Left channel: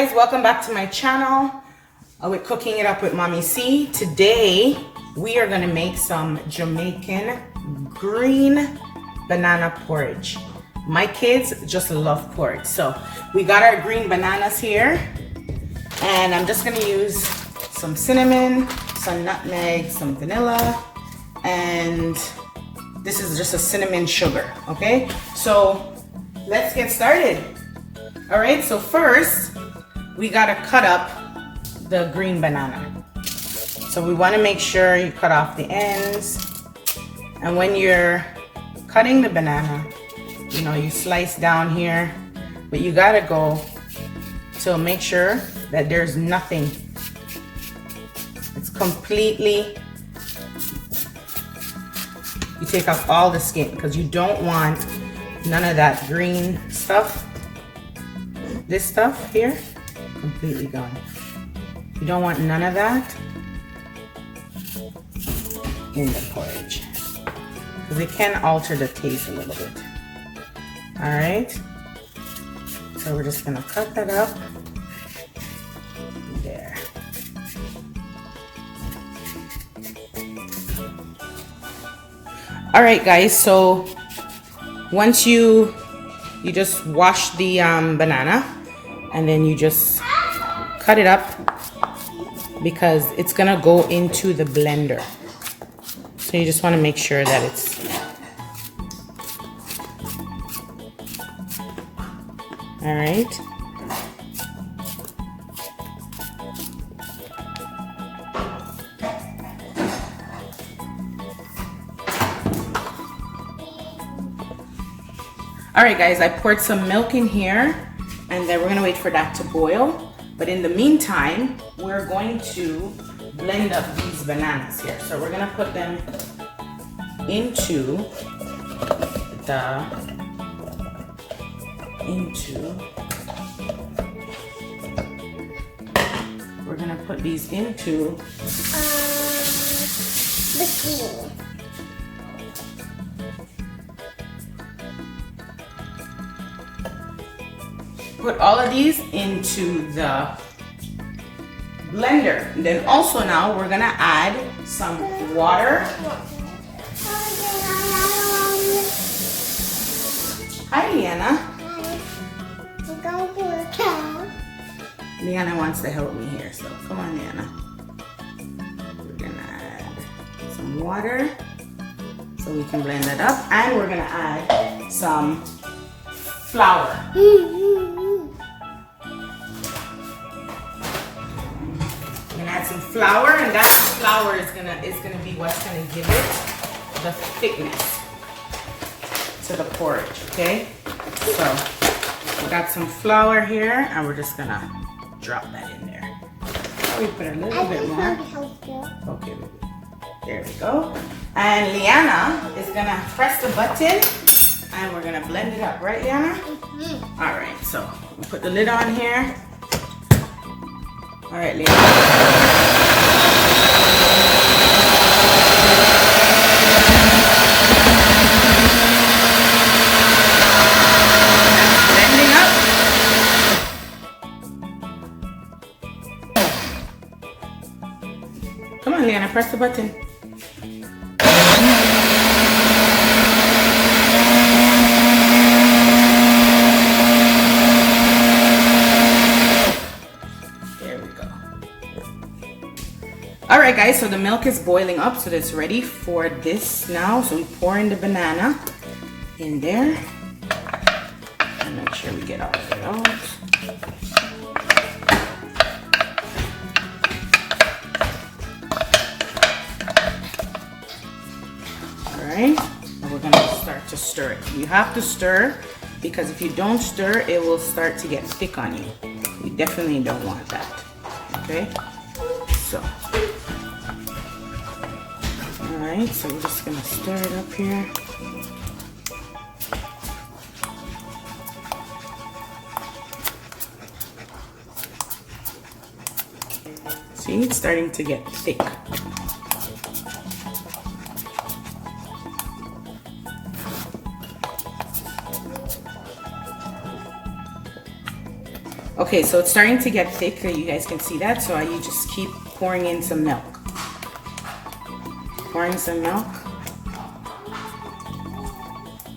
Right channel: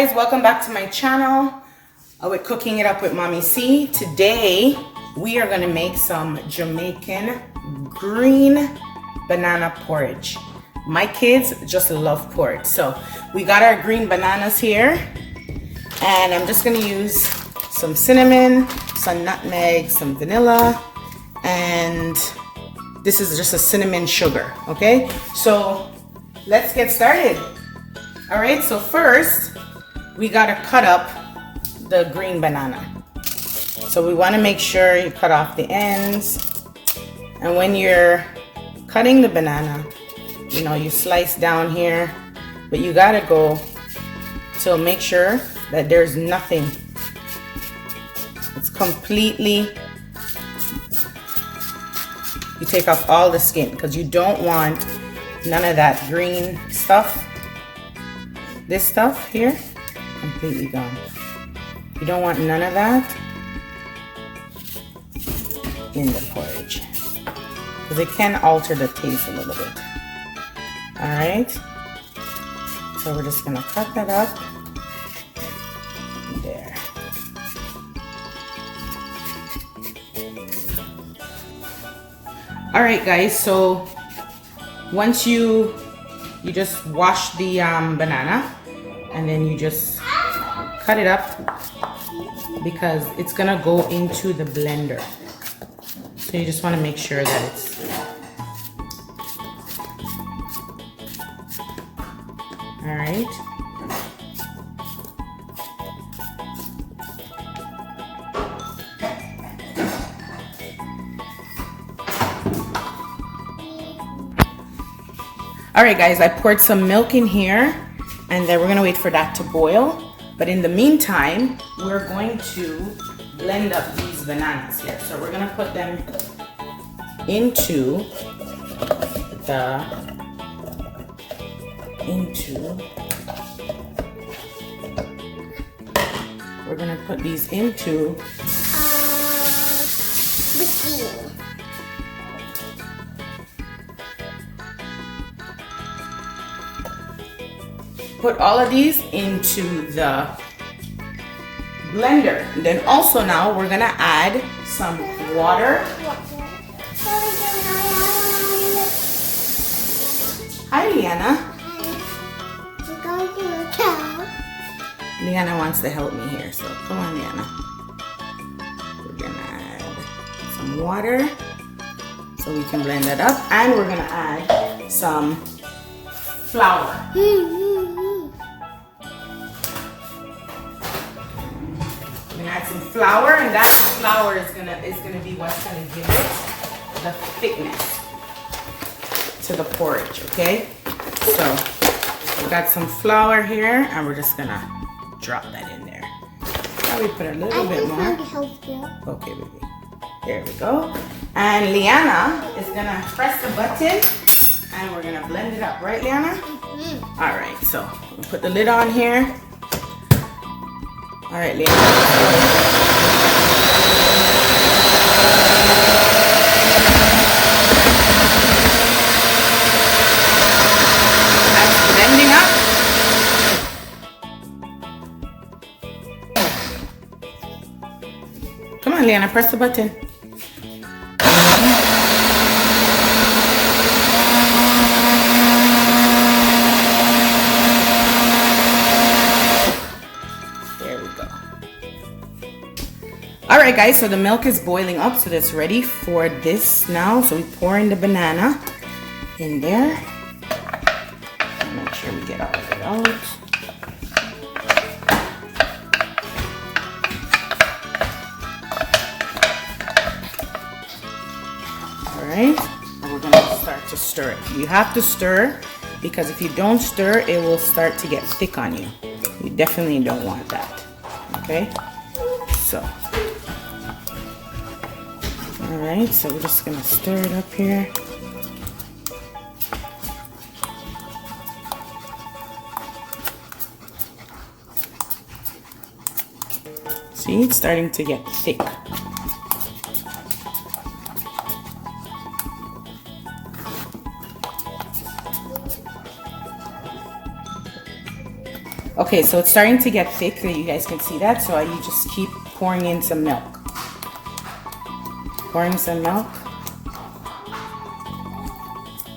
guys, welcome back to my channel. We're cooking it up with Mommy C. Today we are going to make some Jamaican green banana porridge. My kids just love porridge. So we got our green bananas here, and I'm just going to use some cinnamon, some nutmeg, some vanilla, and this is just a cinnamon sugar. Okay, so let's get started. All right, so first we gotta cut up the green banana. So we wanna make sure you cut off the ends. And when you're cutting the banana, you know, you slice down here, but you gotta go to make sure that there's nothing. It's completely, you take off all the skin because you don't want none of that green stuff. This stuff here, completely gone. You don't want none of that in the porridge because it can alter the taste a little bit. All right, so we're just gonna cut that up there. All right, guys, so once you just wash the banana, and then you just cut it up because it's gonna go into the blender. So you just want to make sure that it's all right. All right, guys, I poured some milk in here, and then we're gonna wait for that to boil. But in the meantime, we're going to blend up these bananas here. So we're gonna put them we're gonna put these into the put all of these into the blender. And then also now we're gonna add some water. Hi, Liana. Liana wants to help me here, so come on, Liana. We're gonna add some water so we can blend it up, and we're gonna add some flour. Add some flour, and that flour is gonna be what's gonna give it the thickness to the porridge. Okay, so we got some flour here, and we're just gonna drop that in there. Now we put a little bit more. Okay, baby. There we go. And Liana is gonna press the button, and we're gonna blend it up, right, Liana? Mm-hmm. All right, so we'll put the lid on here. All right, Liana. Blending up. Come on, Liana, press the button. Alright, guys, so the milk is boiling up, so it's ready for this now. So we pour in the banana in there. Make sure we get all of it out. Alright, and we're gonna start to stir it. You have to stir because if you don't stir, it will start to get thick on you. You definitely don't want that. Okay? So alright, so we're just gonna stir it up here. See, it's starting to get thick. Okay, so it's starting to get thick. You guys can see that. So you just keep pouring in some milk. Pouring some milk.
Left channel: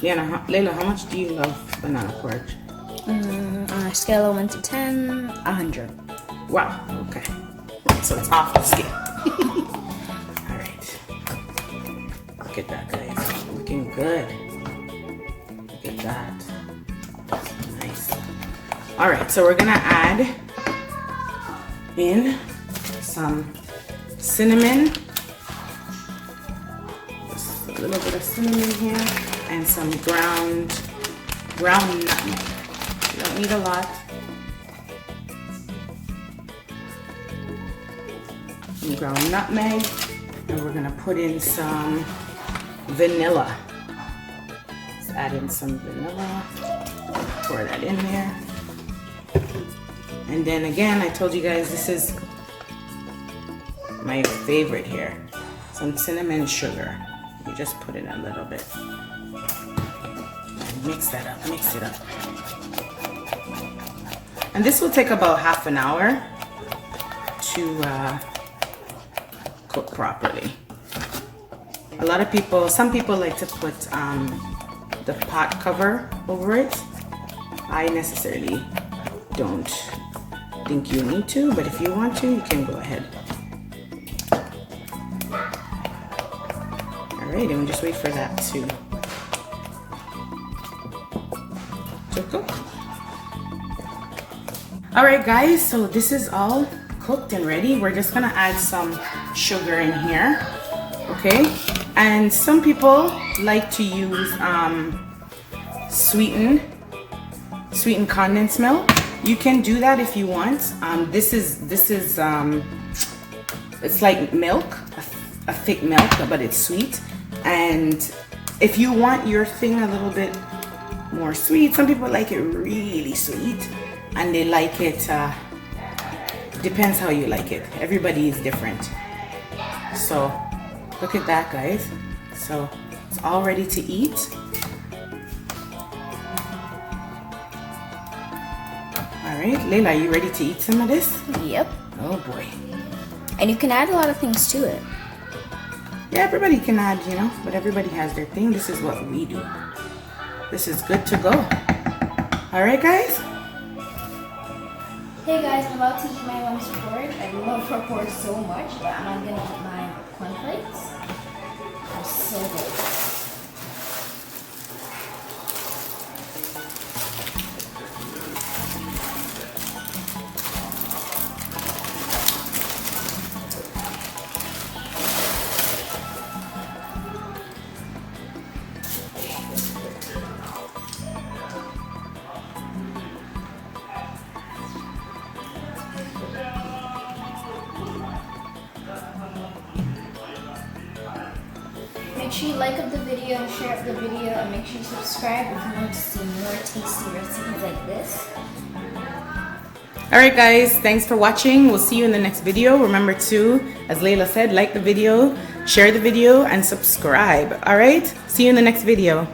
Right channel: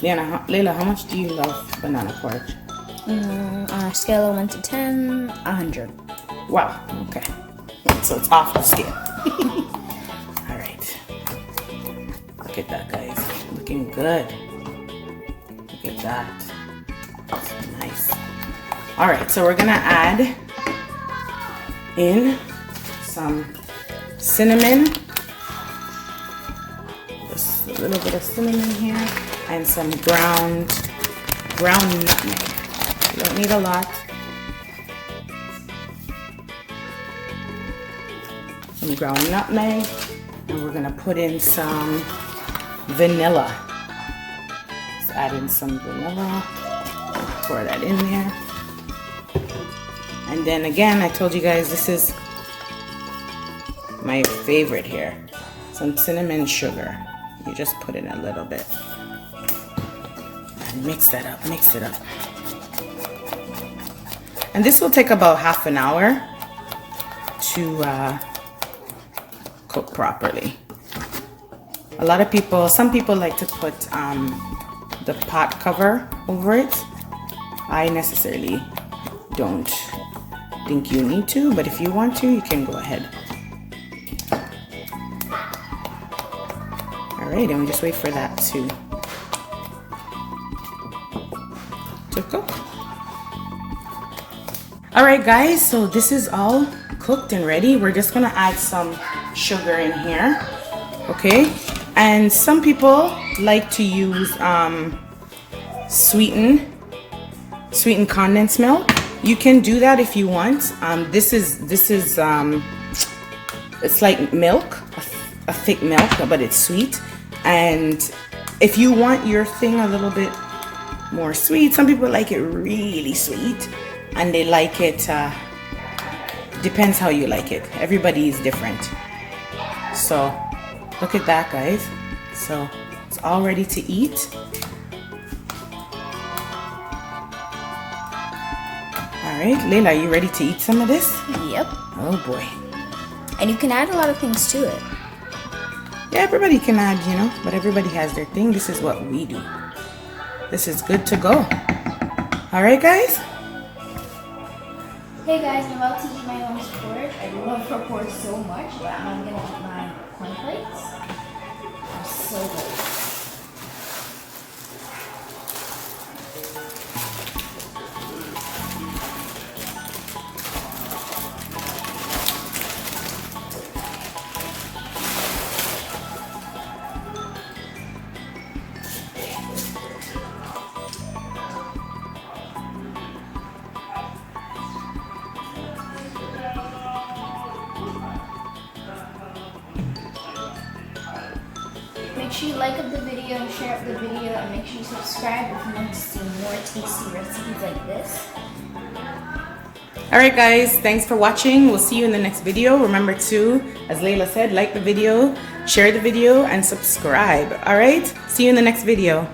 Layla, how much do you love banana porridge? On a scale of 1 to 10, 100. Wow, okay. So it's off the scale. All right. Look at that, guys. Looking good. Look at that. Nice. All right, so we're gonna add in some cinnamon. Just a little bit of cinnamon here, and some ground nutmeg. You don't need a lot. Some ground nutmeg, and we're gonna put in some vanilla. Let's add in some vanilla. Pour that in there. And then again, I told you guys this is my favorite here. Some cinnamon sugar. You just put in a little bit. And mix that up, mix it up. And this will take about half an hour to cook properly. A lot of people, some people like to put the pot cover over it. I necessarily don't think you need to, but if you want to, you can go ahead. All right, and we just wait for that to cook. All right, guys, so this is all cooked and ready. We're just gonna add some sugar in here, okay? And some people like to use sweetened condensed milk. You can do that if you want. This is it's like milk, a thick milk, but it's sweet. And if you want your thing a little bit more sweet, some people like it really sweet, and they like it. Depends how you like it. Everybody is different. So look at that, guys. So it's all ready to eat. All right, Layla, are you ready to eat some of this? Yep. Oh boy. And you can add a lot of things to it. Yeah, everybody can add, you know, but everybody has their thing. This is what we do. This is good to go. All right, guys? Hey guys, I'm about to eat my mom's porridge. I love her porridge so much, but I'm gonna eat my cornflakes. They're so good. Make sure you like up the video, share up the video, and make sure you subscribe if you want to see more tasty recipes like this. All right, guys, thanks for watching. We'll see you in the next video. Remember to, as Layla said, like the video, share the video, and subscribe. All right, see you in the next video.